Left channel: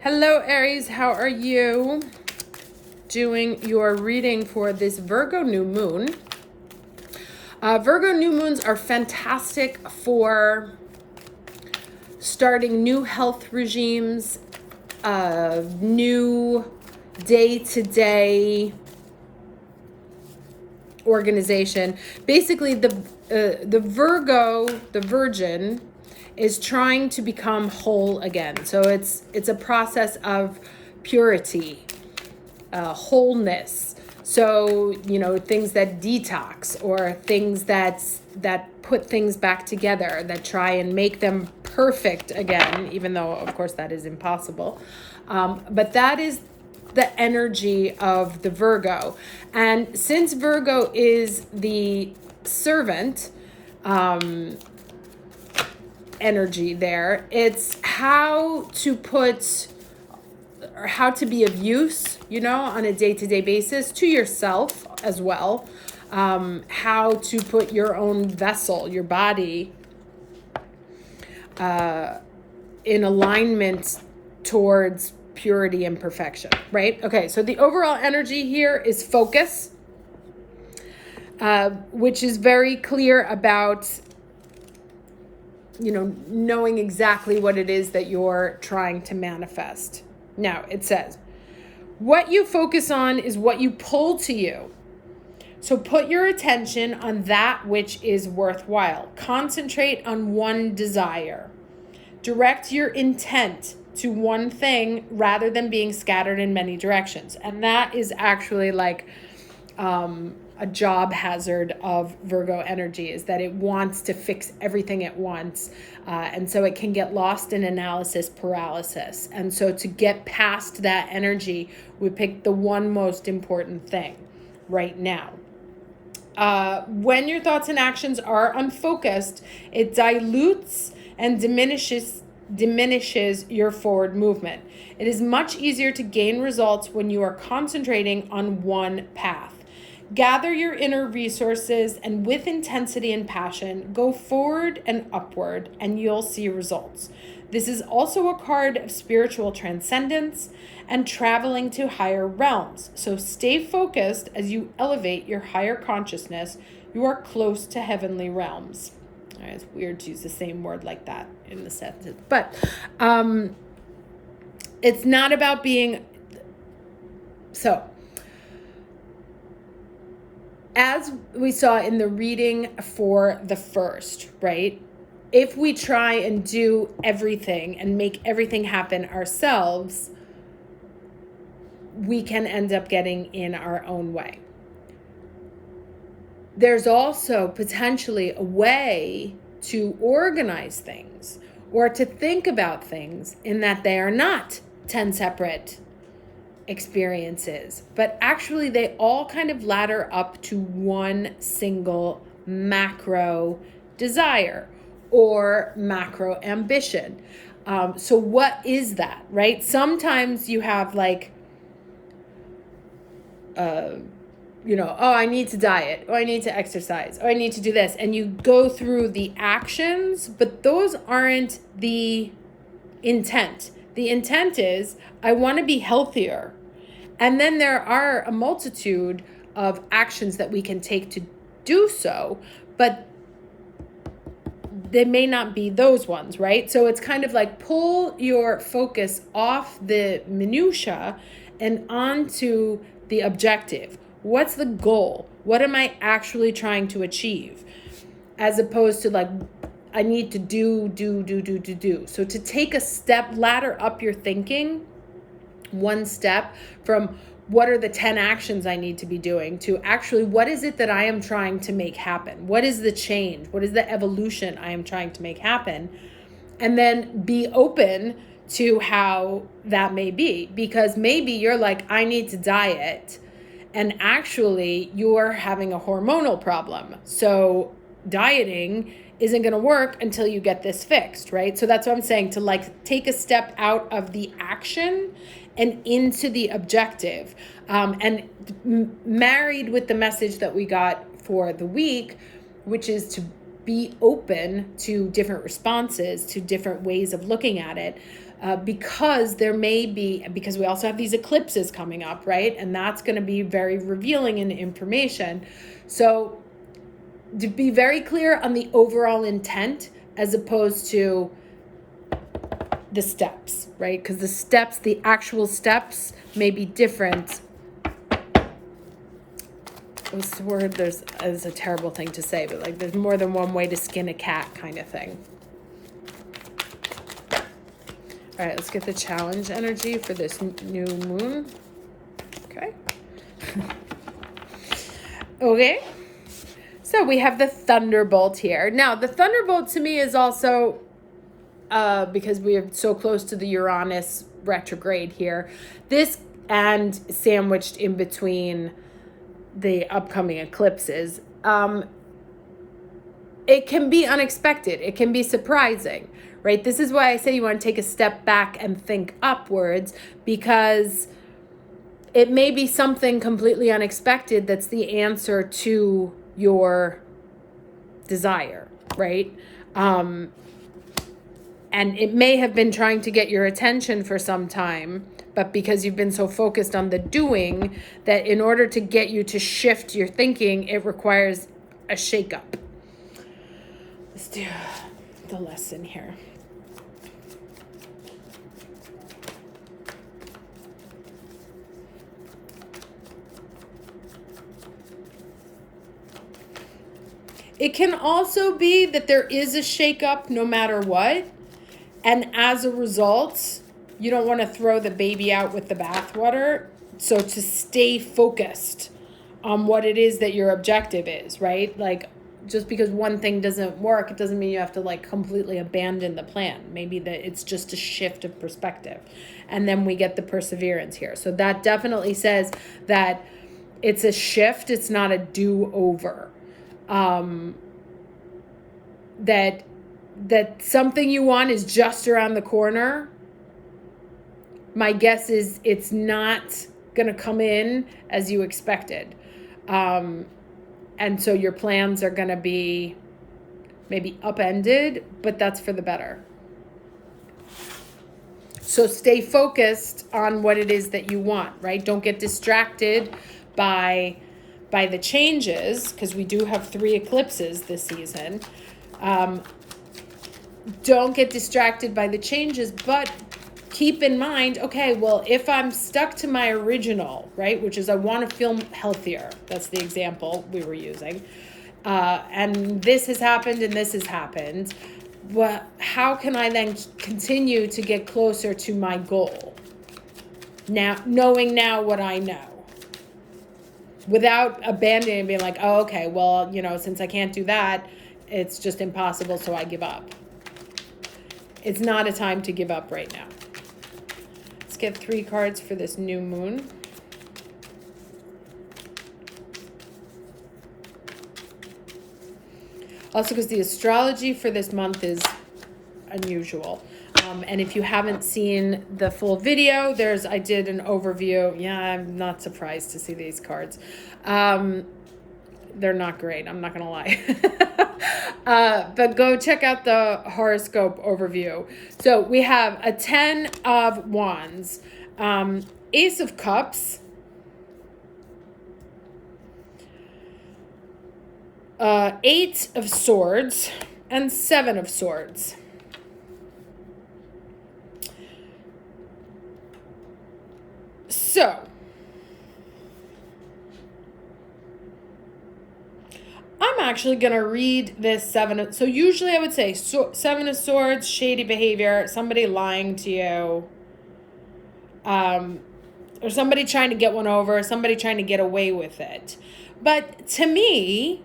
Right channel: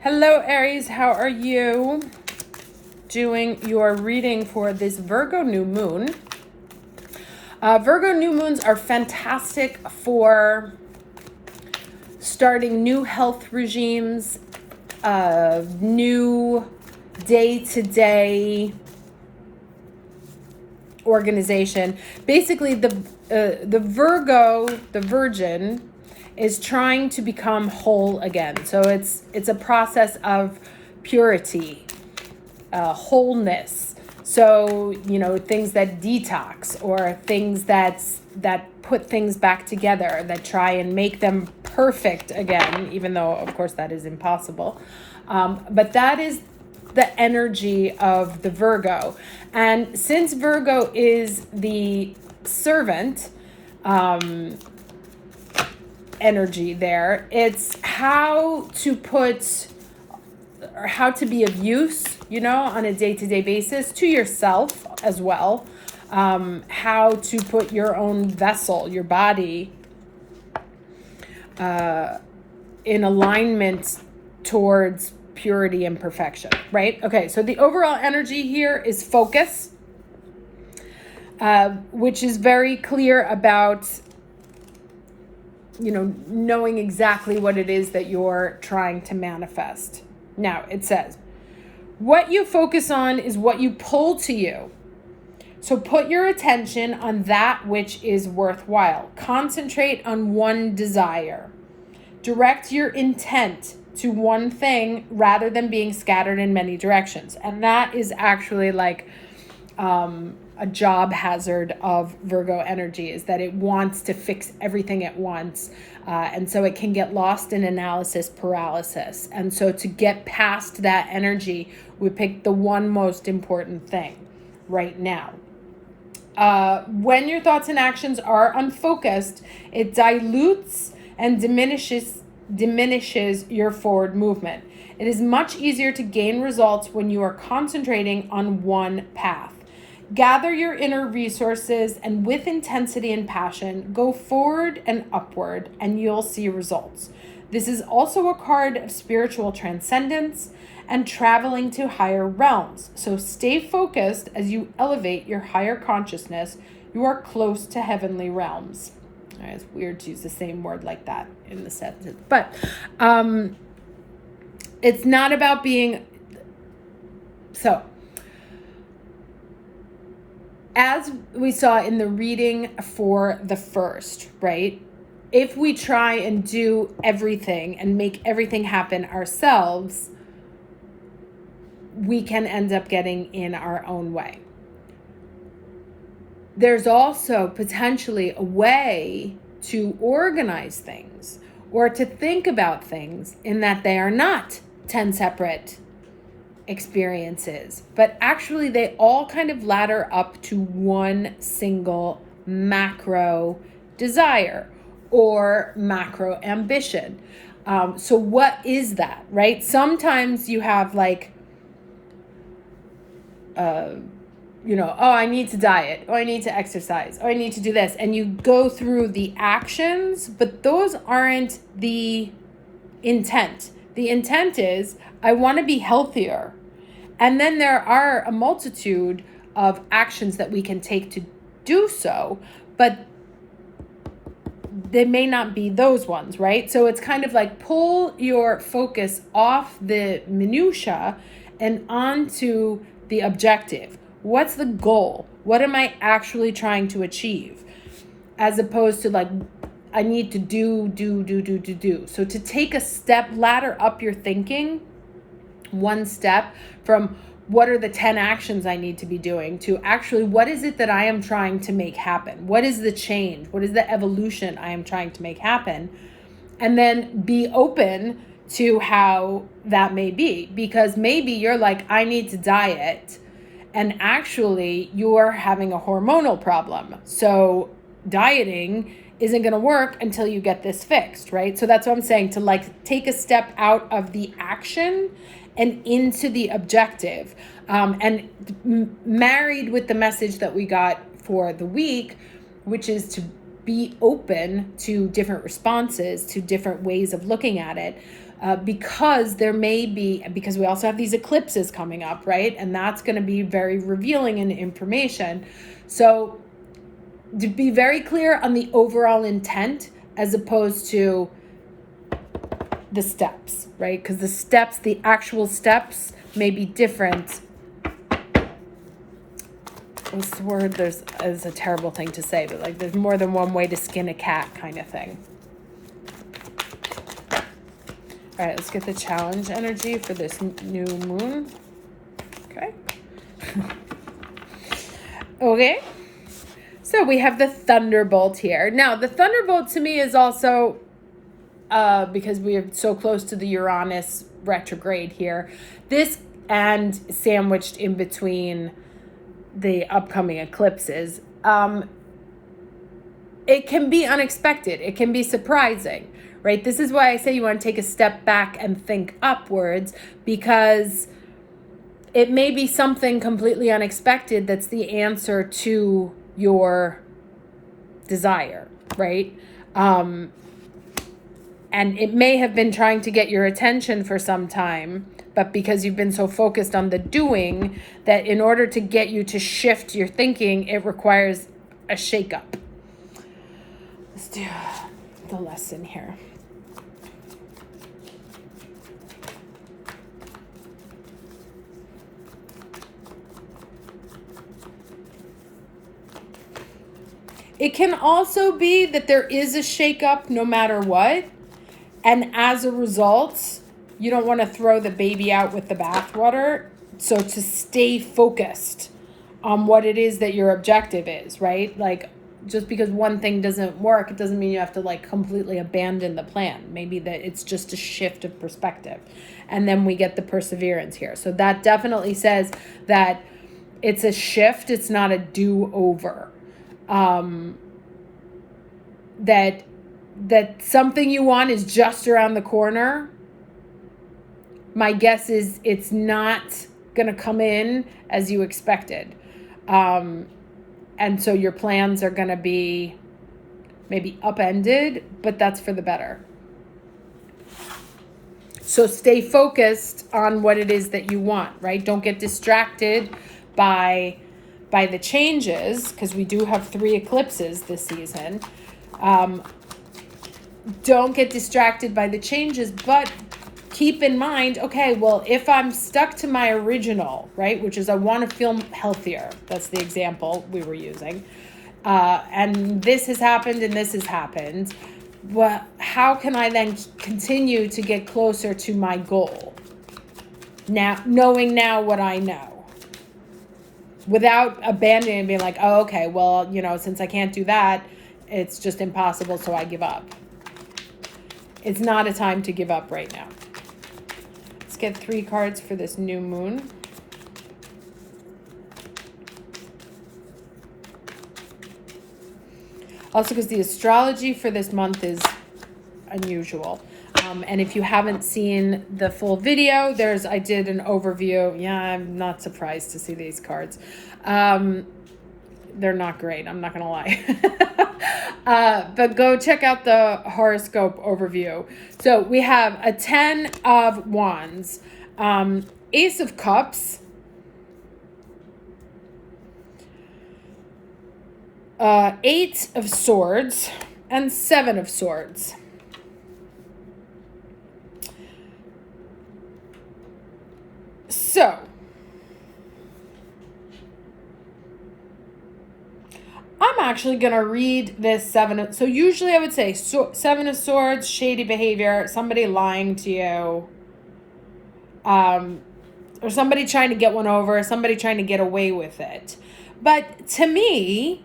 Hello, Aries. How are you? Doing your reading for this Virgo new moon. Virgo new moons are fantastic for starting new health regimes, new day-to-day organization. Basically, the Virgo, the Virgin, is trying to become whole again. So it's a process of purity, wholeness. So, things that detox or things that put things back together, that try and make them perfect again, even though, of course, that is impossible. But that is the energy of the Virgo. And since Virgo is the servant energy there, it's how to be of use, on a day-to-day basis to yourself as well. How to put your own vessel, your body, in alignment towards purity and perfection, right? Okay, so the overall energy here is focus, which is very clear about, knowing exactly what it is that you're trying to manifest. Now, it says, what you focus on is what you pull to you. So put your attention on that which is worthwhile. Concentrate on one desire. Direct your intent to one thing rather than being scattered in many directions. And that is actually like a job hazard of Virgo energy, is that it wants to fix everything at once. And so it can get lost in analysis paralysis. And so to get past that energy, we pick the one most important thing right now. When your thoughts and actions are unfocused, it dilutes and diminishes your forward movement. It is much easier to gain results when you are concentrating on one path. Gather your inner resources and with intensity and passion, go forward and upward, and you'll see results. This is also a card of spiritual transcendence and traveling to higher realms. So stay focused as you elevate your higher consciousness. You are close to heavenly realms. It's weird to use the same word like that in the sentence, but it's not about being so. As we saw in the reading for the first, right? If we try and do everything and make everything happen ourselves, we can end up getting in our own way. There's also potentially a way to organize things or to think about things in that they are not 10 separate experiences, but actually they all kind of ladder up to one single macro desire or macro ambition. So what is that, right? Sometimes you have like, I need to diet, I need to exercise, I need to do this. And you go through the actions, but those aren't the intent. The intent is, I want to be healthier. And then there are a multitude of actions that we can take to do so, but they may not be those ones, right? So it's kind of like pull your focus off the minutia and onto the objective. What's the goal? What am I actually trying to achieve? As opposed to like, I need to do. So to take a step, ladder up your thinking, one step from what are the 10 actions I need to be doing to actually what is it that I am trying to make happen? What is the change? What is the evolution I am trying to make happen? And then be open to how that may be, because maybe you're like, I need to diet, and actually you're having a hormonal problem. So dieting isn't going to work until you get this fixed, right? So that's what I'm saying, to like take a step out of the action and into the objective. And married with the message that we got for the week, which is to be open to different responses, to different ways of looking at it. because because we also have these eclipses coming up, right? And that's going to be very revealing in information. So to be very clear on the overall intent as opposed to the steps, right? Because the actual steps may be different. What's the word? It's a terrible thing to say, but like there's more than one way to skin a cat kind of thing. All right, let's get the challenge energy for this new moon. Okay. Okay. So we have the thunderbolt here. Now, the thunderbolt to me is also, because we are so close to the Uranus retrograde here, this and sandwiched in between the upcoming eclipses, it can be unexpected. It can be surprising, right? This is why I say you want to take a step back and think upwards, because it may be something completely unexpected that's the answer to your desire, right? And it may have been trying to get your attention for some time, but because you've been so focused on the doing, that in order to get you to shift your thinking, it requires a shakeup. Let's do the lesson here. It can also be that there is a shakeup no matter what, and as a result, you don't want to throw the baby out with the bathwater. So to stay focused on what it is that your objective is, right? Like, just because one thing doesn't work, it doesn't mean you have to like completely abandon the plan. Maybe that it's just a shift of perspective. And then we get the perseverance here. So that definitely says that it's a shift. It's not a do-over. That something you want is just around the corner. My guess is it's not going to come in as you expected. And so your plans are going to be maybe upended, but that's for the better. So stay focused on what it is that you want, right? Don't get distracted by the changes, because we do have 3 eclipses this season. Don't get distracted by the changes, but keep in mind, okay, well, if I'm stuck to my original, right, which is I want to feel healthier, that's the example we were using, and this has happened and this has happened, well, how can I then continue to get closer to my goal? Now, knowing now what I know, without abandoning and being like, oh, okay, well, since I can't do that, it's just impossible, so I give up. It's not a time to give up right now. Let's get 3 cards for this new moon. Also, because the astrology for this month is unusual. And if you haven't seen the full video, I did an overview. Yeah, I'm not surprised to see these cards. They're not great, I'm not going to lie. But go check out the horoscope overview. So we have a 10 of Wands, Ace of Cups, 8 of Swords, and 7 of Swords. So, I'm actually going to read this 7. So usually I would say 7 of Swords, shady behavior, somebody lying to you, or somebody trying to get one over, somebody trying to get away with it. But to me,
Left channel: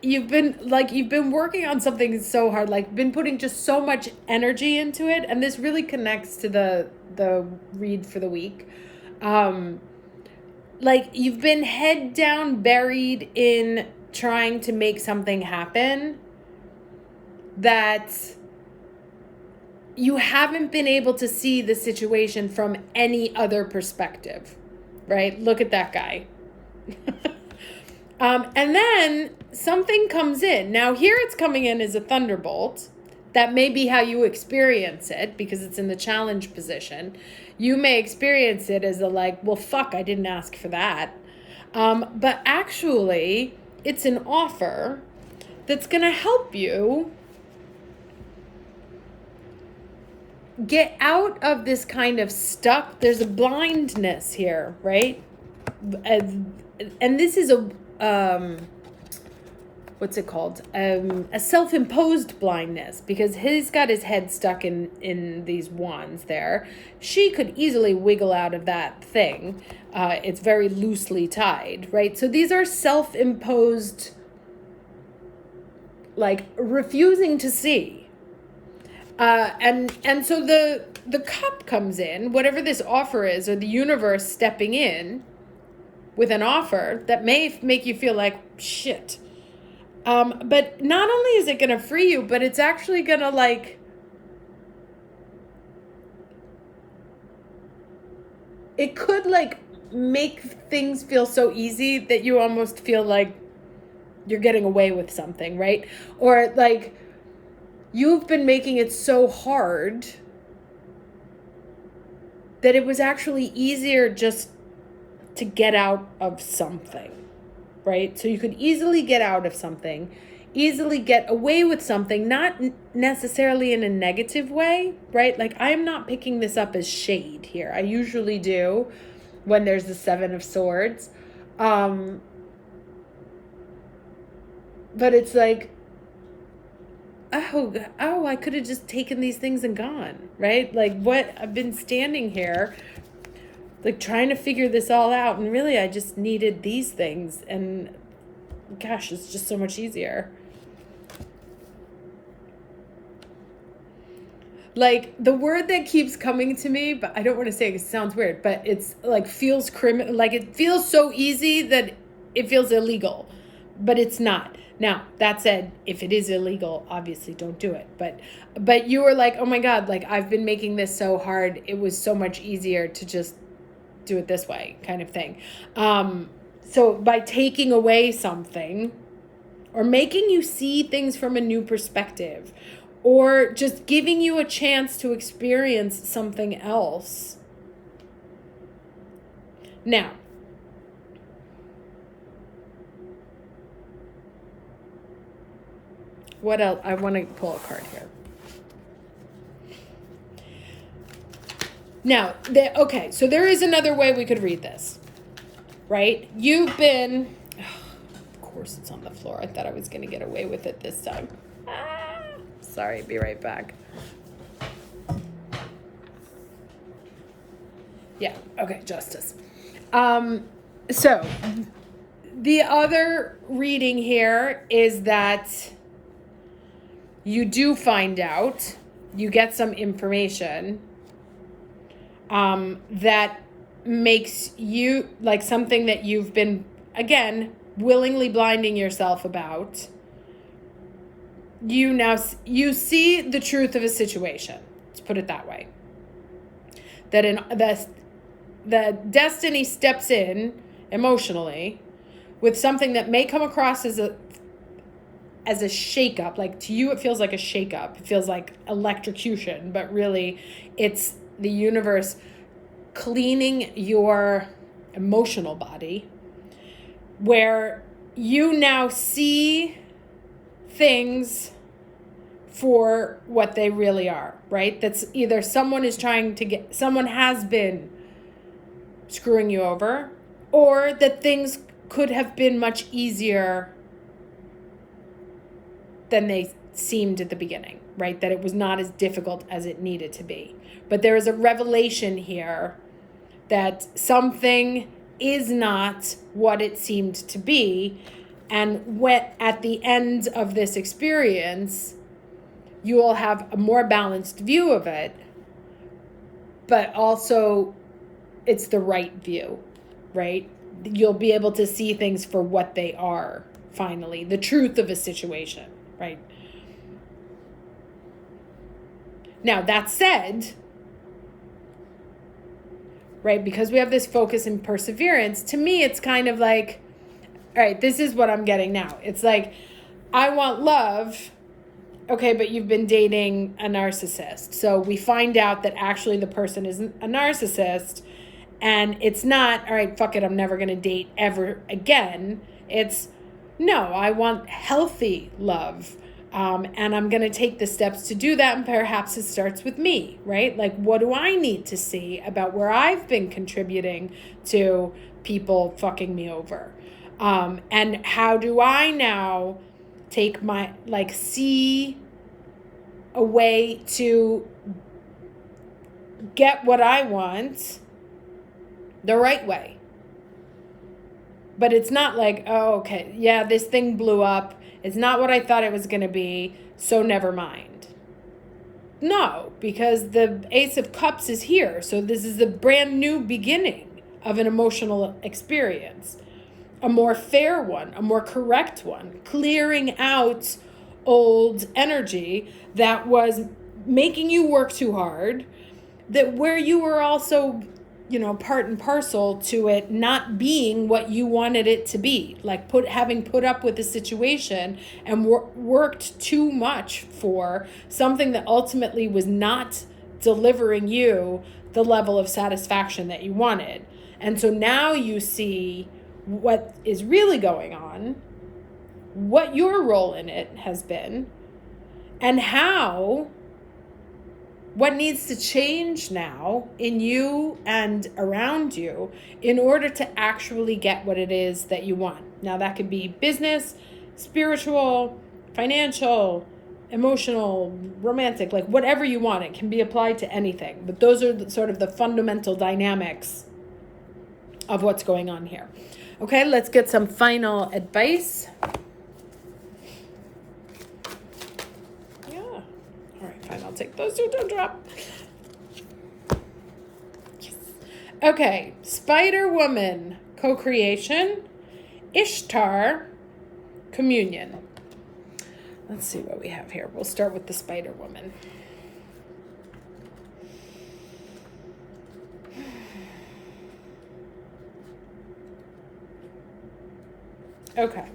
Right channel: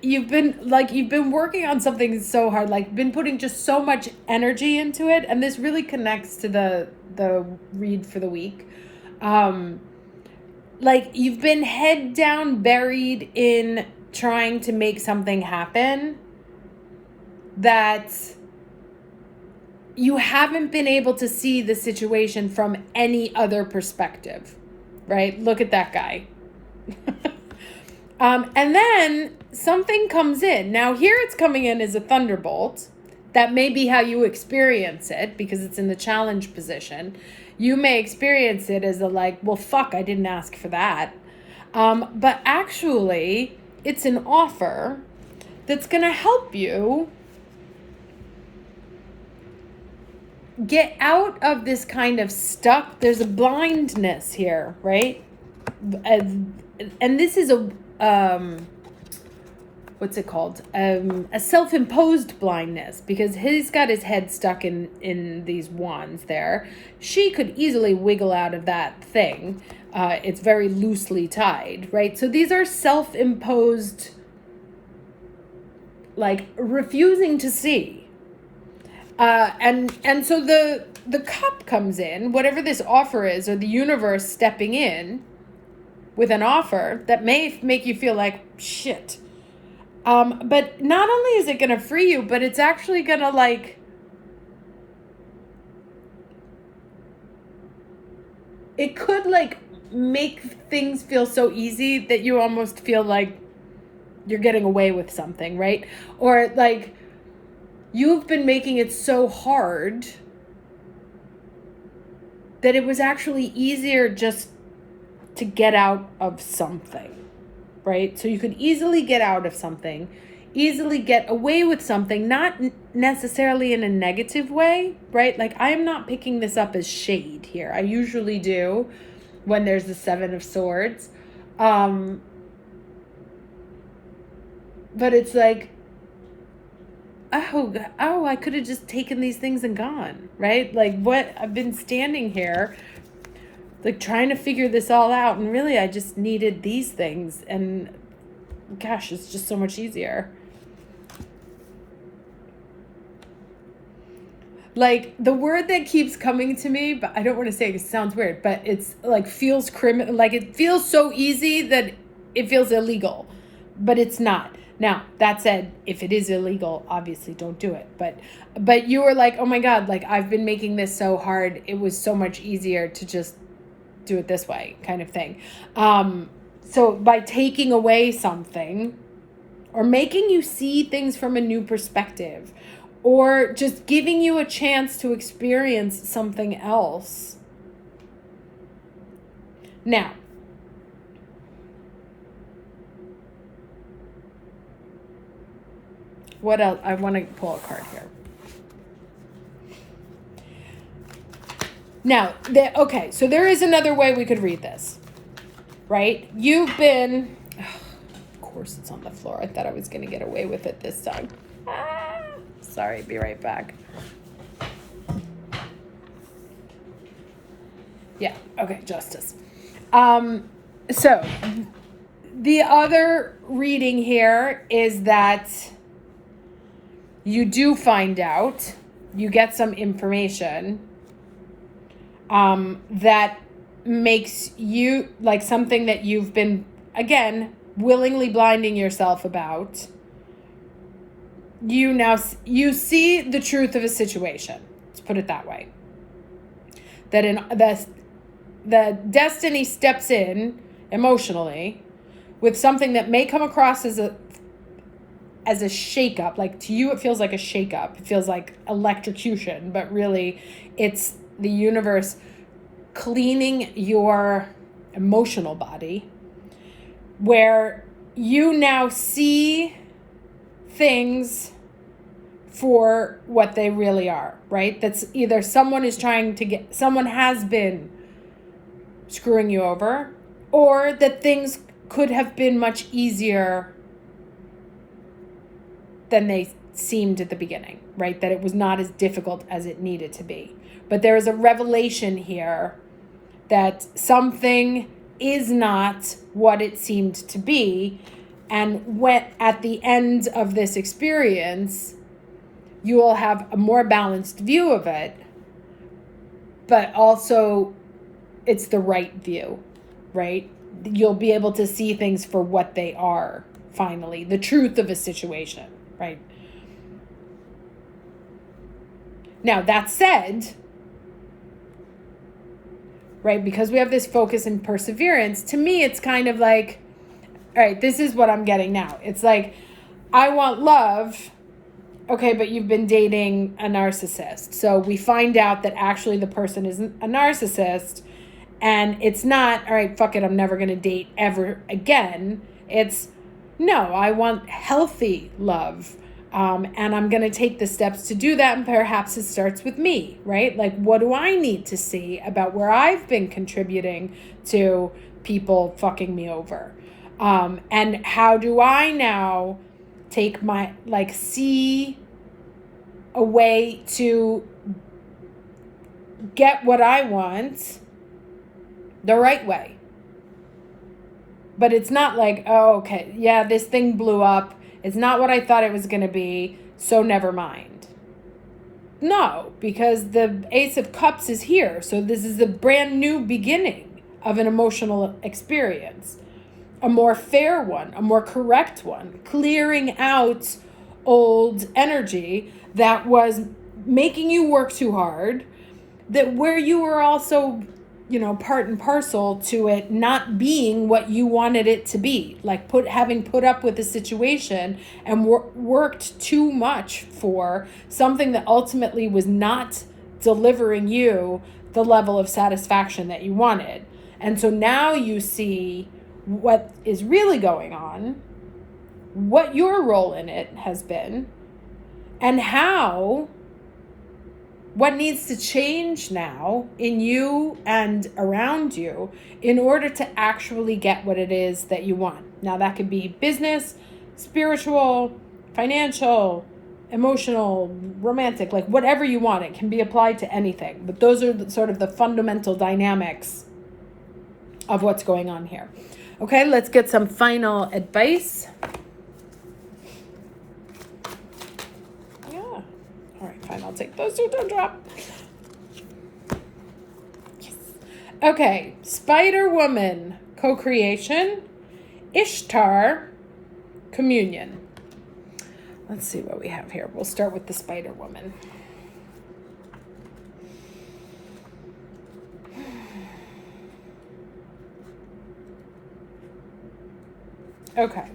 you've been working on something so hard, like been putting just so much energy into it, and this really connects to the read for the week. Like you've been head down buried in trying to make something happen that you haven't been able to see the situation from any other perspective, right? Look at that guy. And then something comes in. Now here it's coming in as a thunderbolt. That may be how you experience it because it's in the challenge position. You may experience it as a like, well, fuck, I didn't ask for that. But actually, it's an offer that's going to help you get out of this kind of stuck. There's a blindness here, right? And this is what's it called? A self-imposed blindness, because he's got his head stuck in these wands there. She could easily wiggle out of that thing. It's very loosely tied, right? So these are self-imposed, like refusing to see. And so the cup comes in, whatever this offer is, or the universe stepping in with an offer that may make you feel like shit. But not only is it going to free you, but it's actually going to like, it could like make things feel so easy that you almost feel like you're getting away with something, right? Or like you've been making it so hard that it was actually easier just to get out of something, right? So you could easily get out of something, easily get away with something, not necessarily in a negative way, right? Like I am not picking this up as shade here. I usually do when there's the Seven of Swords. But it's like, oh, I could have just taken these things and gone, right? Like what, I've been standing here like trying to figure this all out, and really I just needed these things, and gosh, it's just so much easier. Like the word that keeps coming to me, but I don't want to say it, it sounds weird, but it's like feels criminal, like it feels so easy that it feels illegal, but it's not. Now, that said, if it is illegal, obviously don't do it. But you were like, oh my God, like I've been making this so hard. It was so much easier to just do it this way, kind of thing. So by taking away something or making you see things from a new perspective, or just giving you a chance to experience something else. Now, what else? I want to pull a card here. Now, okay, so there is another way we could read this, right? You've been, of course it's on the floor. I thought I was going to get away with it this time. Sorry, be right back. Yeah, okay, justice. So, the other reading here is that you do find out, you get some information that makes you, like something that you've been, again, willingly blinding yourself about. You see the truth of a situation. Let's put it that way. That the destiny steps in emotionally with something that may come across as a shakeup. Like to you, it feels like a shakeup. It feels like electrocution, but really it's the universe cleaning your emotional body, where you now see things for what they really are, right? That's either someone has been screwing you over, or that things could have been much easier than they seemed at the beginning, right? That it was not as difficult as it needed to be. But there is a revelation here that something is not what it seemed to be. And when at the end of this experience, you will have a more balanced view of it, but also it's the right view, right? You'll be able to see things for what they are, finally, the truth of a situation, right? Now, that said, right, because we have this focus and perseverance, to me, it's kind of like, all right, this is what I'm getting now. It's like, I want love, okay, but you've been dating a narcissist. So we find out that actually the person isn't a narcissist, and it's not, all right, fuck it, I'm never going to date ever again. It's, no, I want healthy love. And I'm going to take the steps to do that. And perhaps it starts with me, right? Like, what do I need to see about where I've been contributing to people fucking me over? And how do I now take my, like, see a way to get what I want the right way? But it's not like, oh, okay, yeah, this thing blew up. It's not what I thought it was going to be, so never mind. No, because the Ace of Cups is here. So this is a brand new beginning of an emotional experience. A more fair one, a more correct one. Clearing out old energy that was making you work too hard, that where you were also, part and parcel to it not being what you wanted it to be, like having put up with the situation and worked too much for something that ultimately was not delivering you the level of satisfaction that you wanted. And so now you see what is really going on, what your role in it has been, and what needs to change now in you and around you in order to actually get what it is that you want. Now, that could be business, spiritual, financial, emotional, romantic, like whatever you want. It can be applied to anything. But those are sort of the fundamental dynamics of what's going on here. Okay, let's get some final advice. Fine, I'll take those two, don't drop. Yes. Okay, Spider Woman, co-creation, Ishtar, communion. Let's see what we have here. We'll start with the Spider Woman. Okay,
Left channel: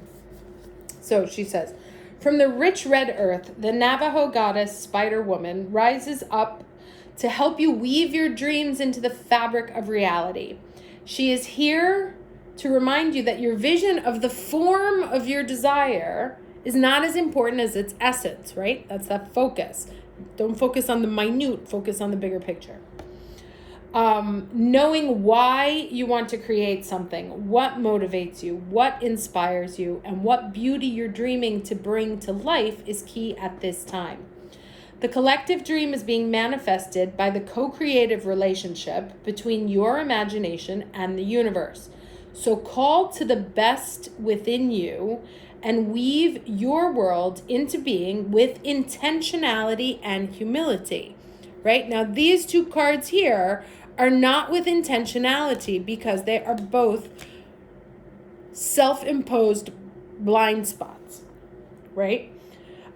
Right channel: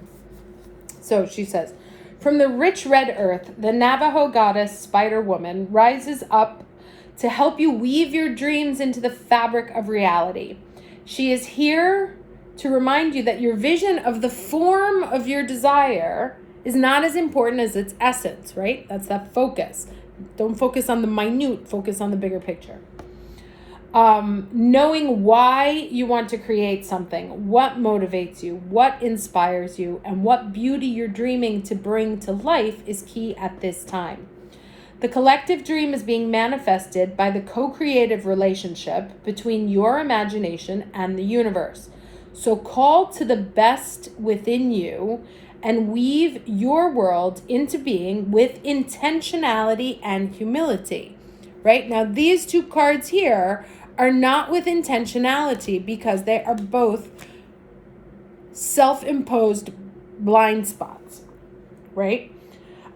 so she says, from the rich red earth, the Navajo goddess Spider Woman rises up to help you weave your dreams into the fabric of reality. She is here to remind you that your vision of the form of your desire is not as important as its essence, right? That's that focus. Don't focus on the minute, focus on the bigger picture. Knowing why you want to create something, what motivates you, what inspires you, and what beauty you're dreaming to bring to life is key at this time. The collective dream is being manifested by the co-creative relationship between your imagination and the universe. So call to the best within you and weave your world into being with intentionality and humility. Right? Now, these two cards here are not with intentionality because they are both self-imposed blind spots, right?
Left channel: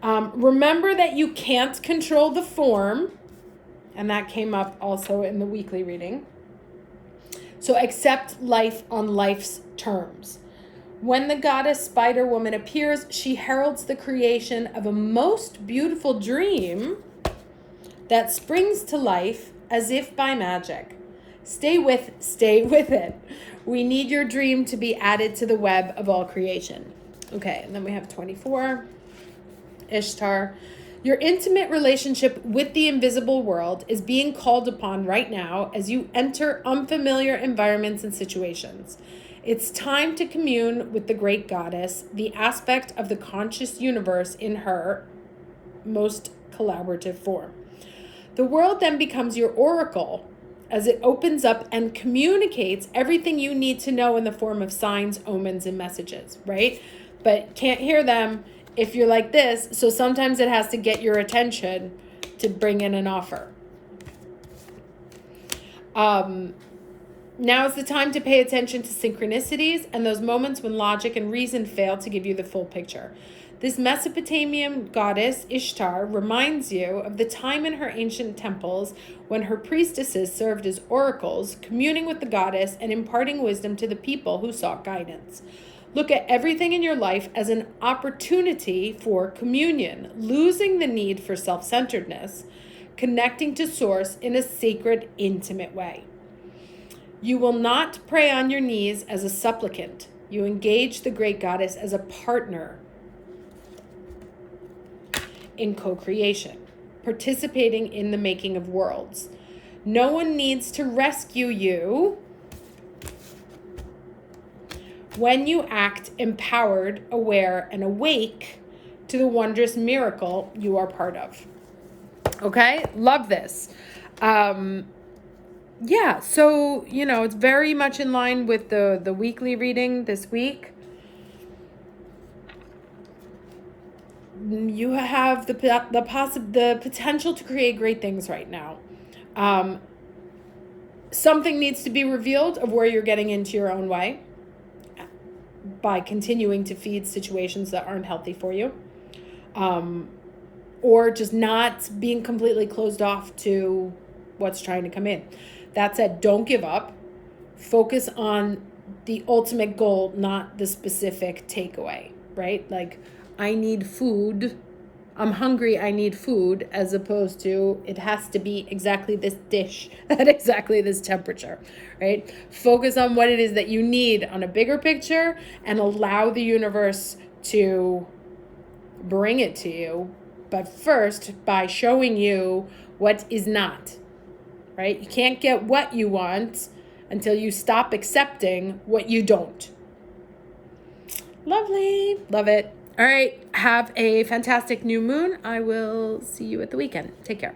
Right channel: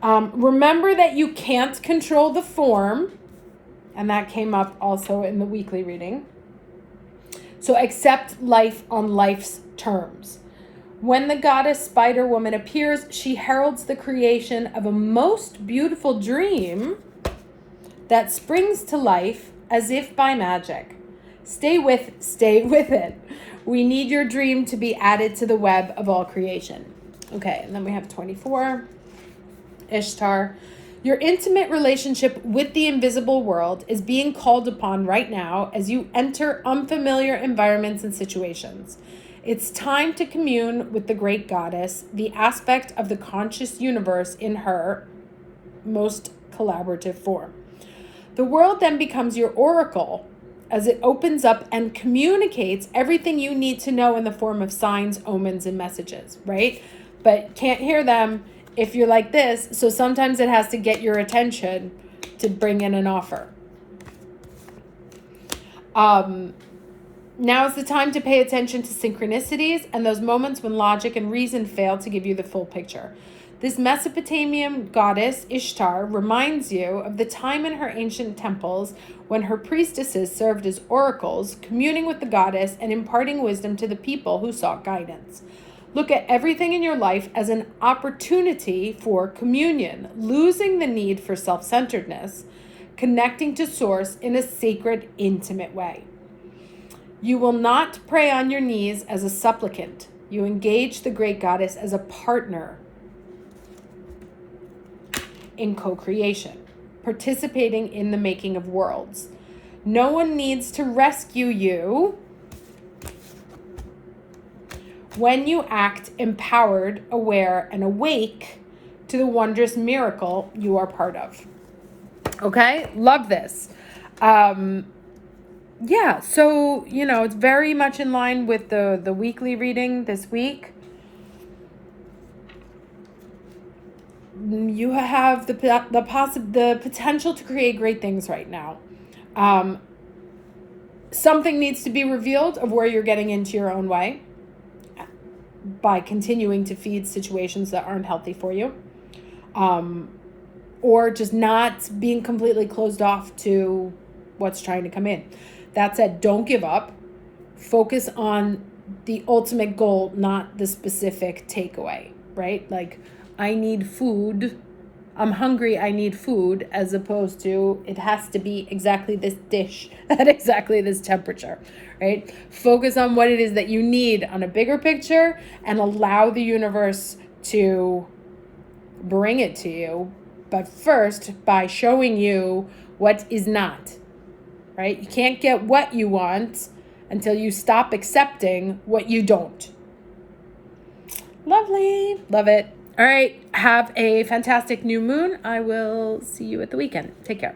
Remember that you can't control the form, and that came up also in the weekly reading. So accept life on life's terms. When the goddess Spider Woman appears, she heralds the creation of a most beautiful dream that springs to life as if by magic. Stay with it. We need your dream to be added to the web of all creation. Okay, and then we have 24. Ishtar. Your intimate relationship with the invisible world is being called upon right now as you enter unfamiliar environments and situations. It's time to commune with the great goddess, the aspect of the conscious universe in her most collaborative form. The world then becomes your oracle as it opens up and communicates everything you need to know in the form of signs, omens, and messages, right? But can't hear them if you're like this, so sometimes it has to get your attention to bring in an offer. Now is the time to pay attention to synchronicities and those moments when logic and reason fail to give you the full picture. This Mesopotamian goddess, Ishtar, reminds you of the time in her ancient temples when her priestesses served as oracles, communing with the goddess and imparting wisdom to the people who sought guidance. Look at everything in your life as an opportunity for communion, losing the need for self-centeredness, connecting to Source in a sacred, intimate way. You will not pray on your knees as a supplicant. You engage the great goddess as a partner in co-creation, participating in the making of worlds. No one needs to rescue you when you act empowered, aware, and awake to the wondrous miracle you are part of. Okay? Love this. Yeah, so, it's very much in line with the weekly reading this week. You have the potential to create great things right now. Something needs to be revealed of where you're getting into your own way by continuing to feed situations that aren't healthy for you, or just not being completely closed off to what's trying to come in. That said, don't give up. Focus on the ultimate goal, not the specific takeaway, right? Like, I need food. I'm hungry, I need food, as opposed to it has to be exactly this dish at exactly this temperature, right? Focus on what it is that you need on a bigger picture and allow the universe to bring it to you. But first, by showing you what is not, right? You can't get what you want until you stop accepting what you don't. Lovely. Love it. All right. Have a fantastic new moon. I will see you at the weekend. Take care.